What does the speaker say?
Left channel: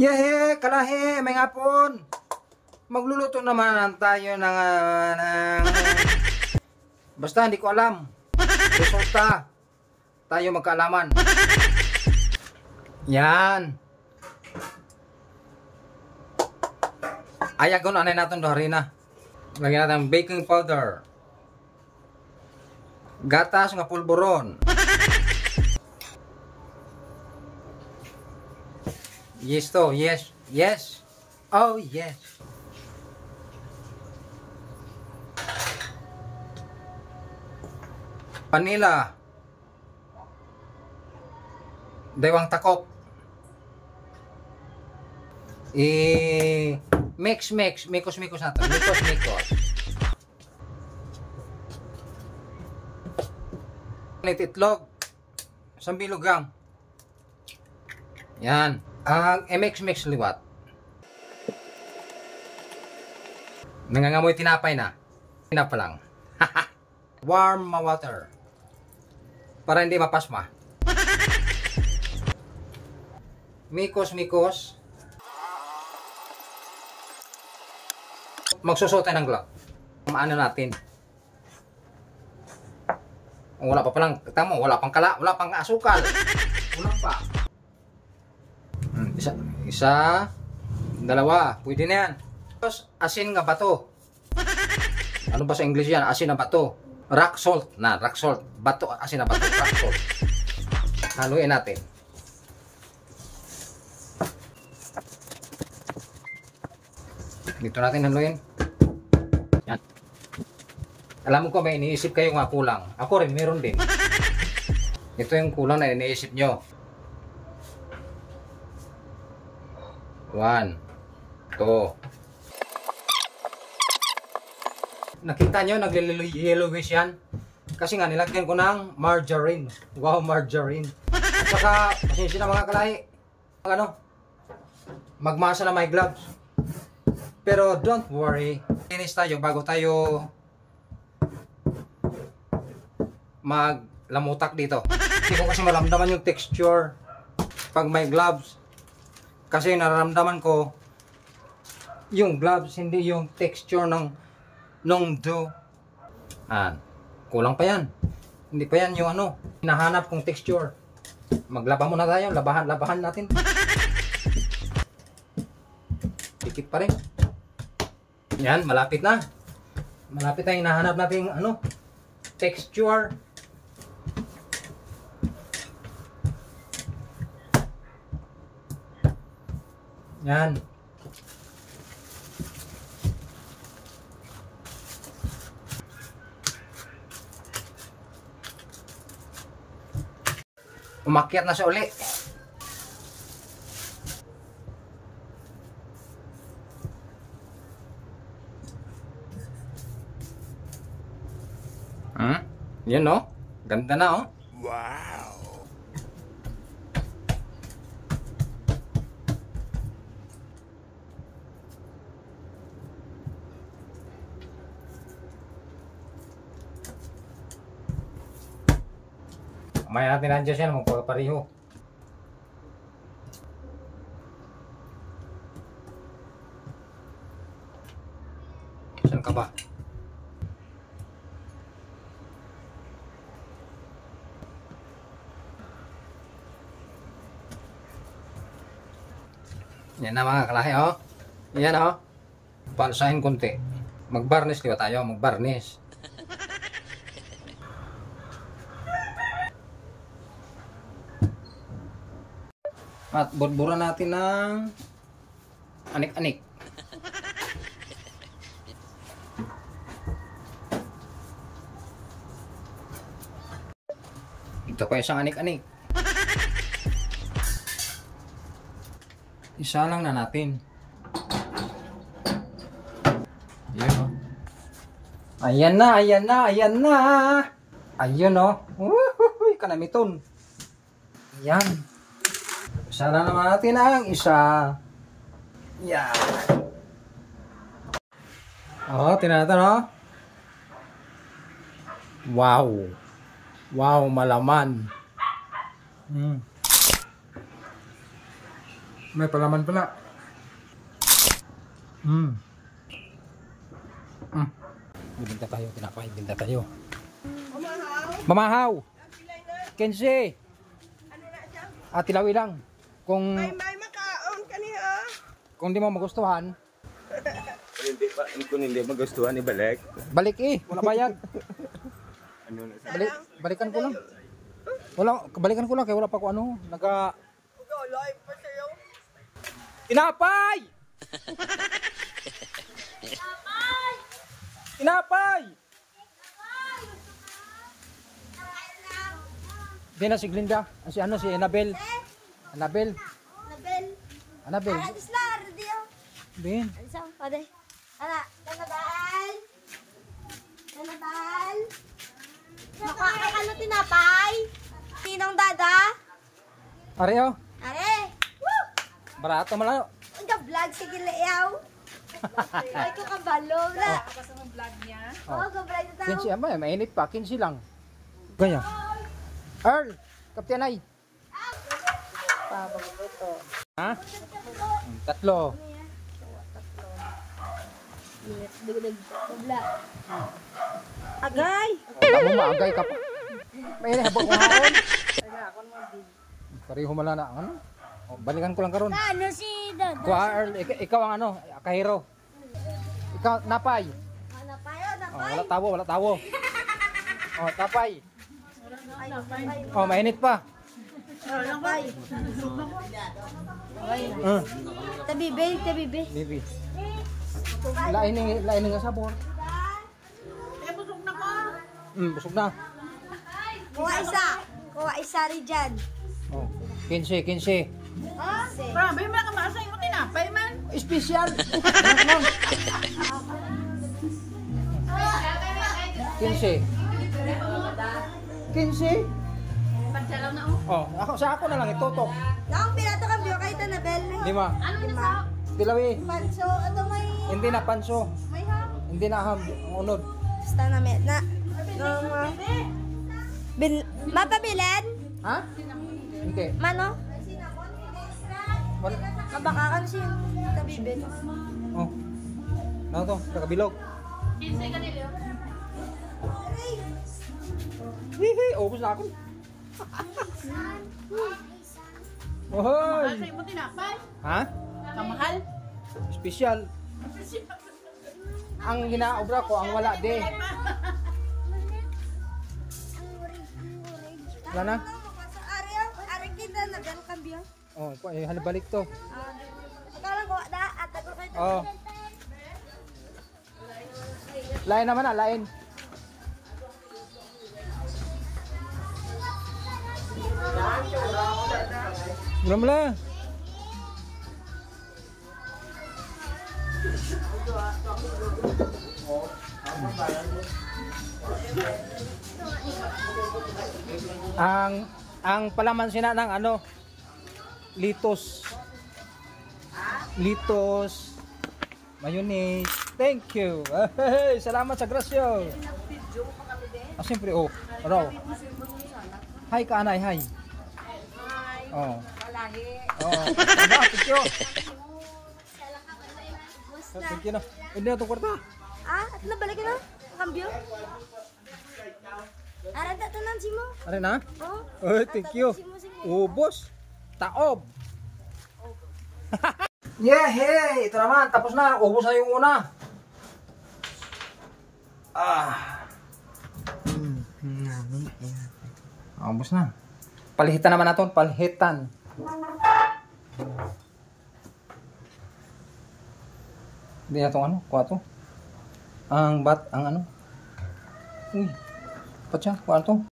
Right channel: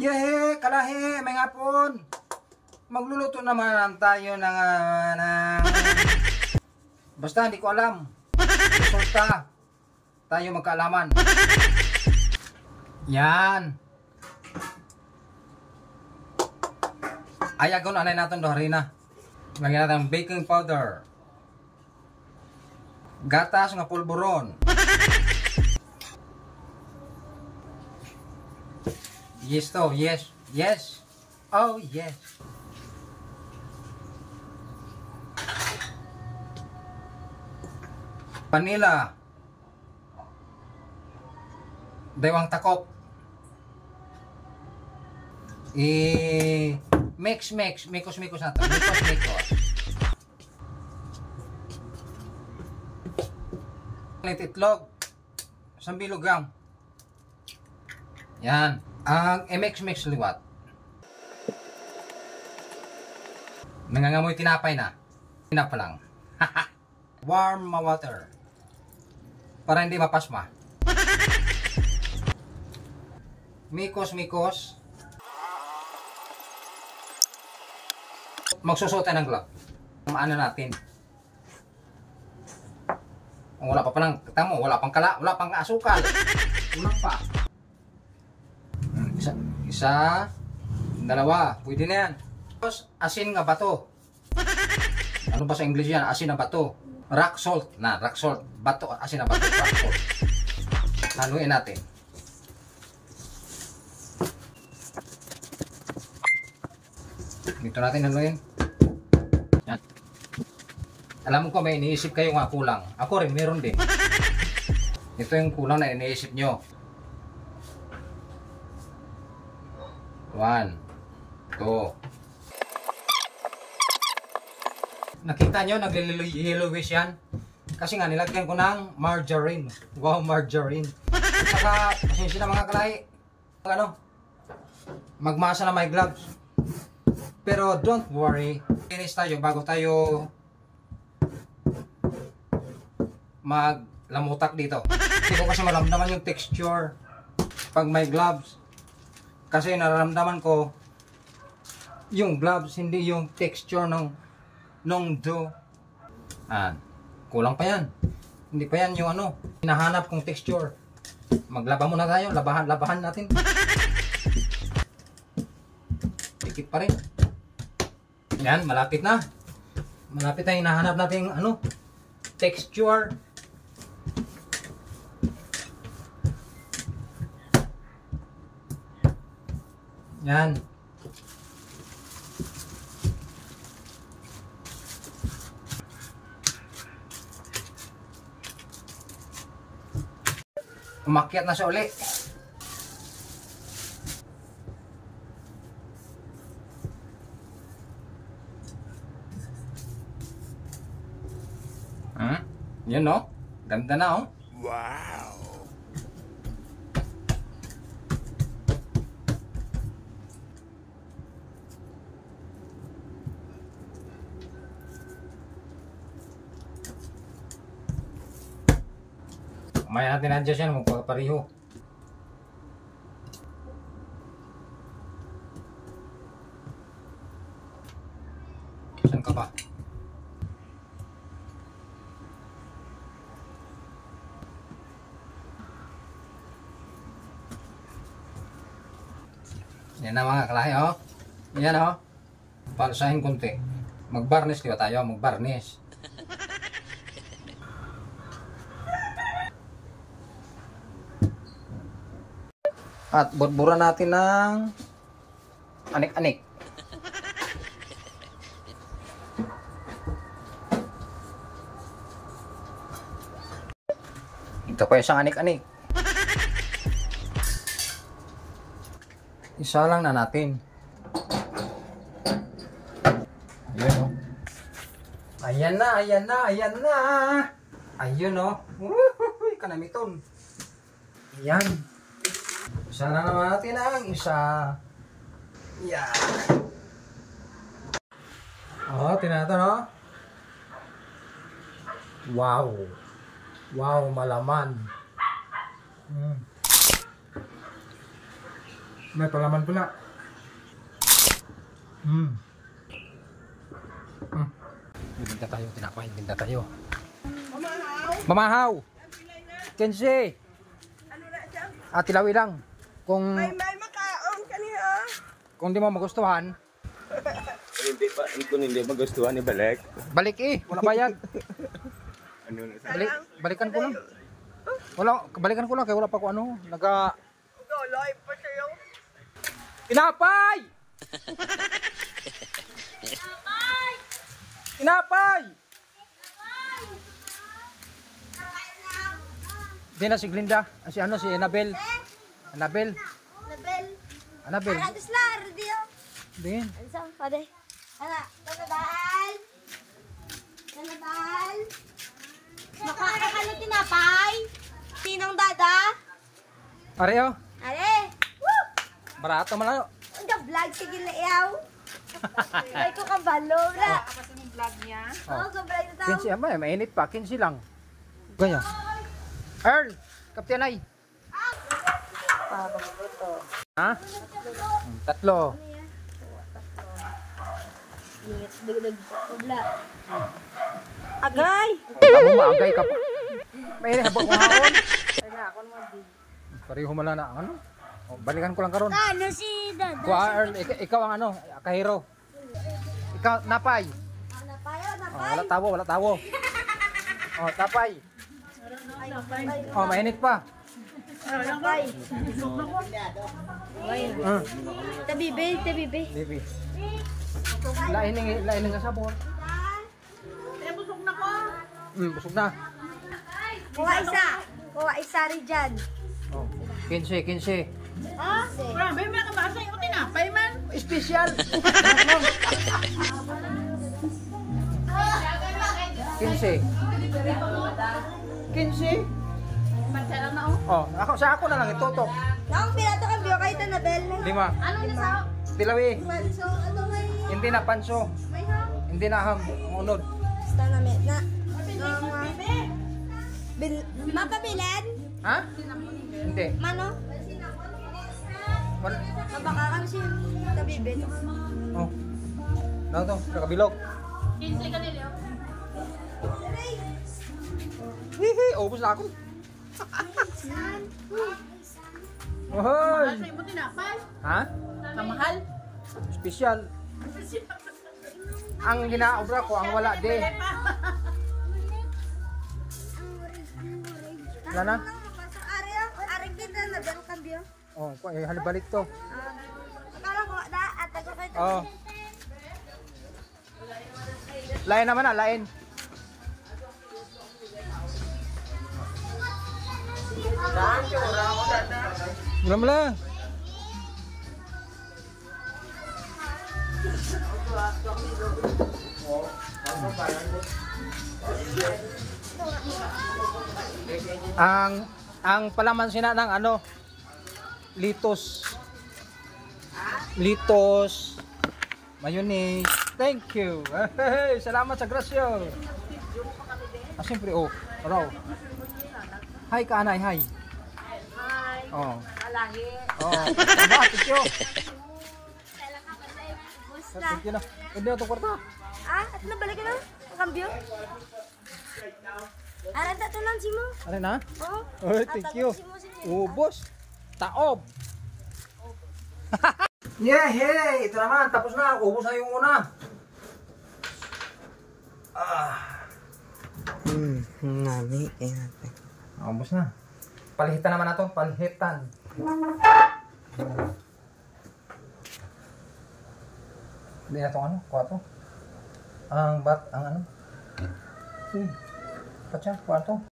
Yehe, kalahe, may ngapon. Magluluto naman tayo ng basta hindi ko alam. Resulta. Tayo magkaalaman. Yan. Ayagon anay natin do harina. Lagyan natin ng baking powder. Gatas nga pulburon. Yes to, yes, yes. Oh yes. Vanilla. Dewang takop. Mix, mikos na to. Mikos. Itlog. Sambilugang. Yan. Ang mix liwat. Nangangamoy tinapay na. Tinapa lang. Warm water. Para hindi mapasma. Mikos. Magsusot tayo ng glove. Maano natin. Wala pa palang, tamo, wala pang kala, wala pang asukal. Wala pa. Isa, dalawa, pwede na yan. Tapos, asin nga bato. Ano ba sa English yan? Asin na bato. Rock salt. Rock salt. Bato, asin na bato. Rock salt. Haluin natin. Dito natin haluin. Yan. Alam ko may iniisip kayo nga kulang. Ako rin, meron din. Ito yung kulang na iniisip nyo. 1, 2. Nakita nyo, naglililowish yan. Kasi nga, nilagyan ko ng margarine. Wow, margarine. Saka, pasensya na mga kalahi. Magmasa na may gloves. Pero don't worry. Finish tayo bago tayo maglamutak dito. Hindi ko kasi maramdaman yung texture pag may gloves. Kasi nararamdaman ko yung gloves, hindi yung texture ng dough. Kulang pa yan. Hindi pa yan yung hinahanap kong texture. Maglaba muna tayo. Labahan natin. Dikit pa rin. Yan, malapit na. Malapit na hinahanap natin texture. Yan. Umakyat na siya uli. Yan ganda na Wow. Kamaya natin nandiyan siya magpapariho. Saan ka ba? Yan na mga kalahi Yan Pansahin konti. Mag-varnish kaya tayo, mag-varnish. At burburan natin ng anik-anik. Ito pa isang anik-anik. Isa lang na natin. Ayun Ayan na. Ayun Uy, kanamiton. Ayan. Isa na naman natin ang isa. Yan. Tinatan Wow, malaman. May palaman pala. Binta tayo, tinapay, binta tayo. Mamahaw. Kenzie. Ano na siya? Tilawi lang. Kung May makaon kaniya. kung di mo magustuhan, Kung hindi magustuhan, ibalik. balik wala bayad. Ano na Balikan ko lang. Balikan ko lang kaya wala pa ko ano, Live pa sa'yo. Tinapay! Tinapay! Di na si Glinda. Si ano, si Annabel. Annabel. Nabel. Annabel. Ada slar dia. Din. Ansang pade. Ala, Nabel. Nabel. Makakakali tinapay. Tinang dada. Areo. Are. Woo! Barato malayo. Ang vlog sige layaw. Ay ko kabalo ra. Kapasa mong vlog niya. Oh, sobra ito tao. 15 ama, mainit pa. 15 lang. Ganyan. Earl, Kapten ay. Ha? Tatlo. Agay. Tamo maagay ka pa. Mainit habang kuhaon. Pareho mala na ano? Balikan ko lang karon. Ano si dada? Kuha Earl, ikaw ang ano, kahiro. Ikaw napay. Napayo, Wala tawo, wala tawo. Tapay. Mainit pa. napay. Tabibe, tabibe. Bibi. Lain nga sabor. Busog na ko. Busog na. Kuha isa rin dyan. 15. Ha? Grabe, may kamasa yung tinapay man. Special. 15. 15. Magsalaw na Sa ako na lang itutok. Naong pinato kang biyo kayo ito na bell. 5. Ano na sa? Tilawi. Manso, ito may... Hindi na panso. May ham. Hindi na ham. Ang unod. Basta na met na. Mapabilin? Ha? Hindi. Mano? Mabakakan siya. Tabibe. Ano to? Kakabilog. 15 kanila. Hihi, ubos na ako. Ohoy! Sa imo tinapay. Ha? Kamahal. Special. Ang ginaobra ko, ang wala de. Wala na? Ari kita na bell kang biyo. Halibalik to. Akala ko da at ako kayo. Lain naman lain. Wala mo lang. Ang palaman sina ng ano, litos, mayonnaise. Thank you. Hey, salamat sa grasyo. Siyempre, raw. Hi ka, anay, hi. Kalahi. Thank you. Thank you na. Hindi na itong kwarta. At nabalik ka na? Kambyo? Aran tatanan si mo. Ano na? Thank you. Ubos. Taob. Hey! Ito naman. Tapos na. Ubos na yung una. Nami. Ubos na. Palihitan naman natin. Palihitan. Hindi na itong ano. Kuha ito. Ang ano. Uy. Ba't siya? Kuha ito.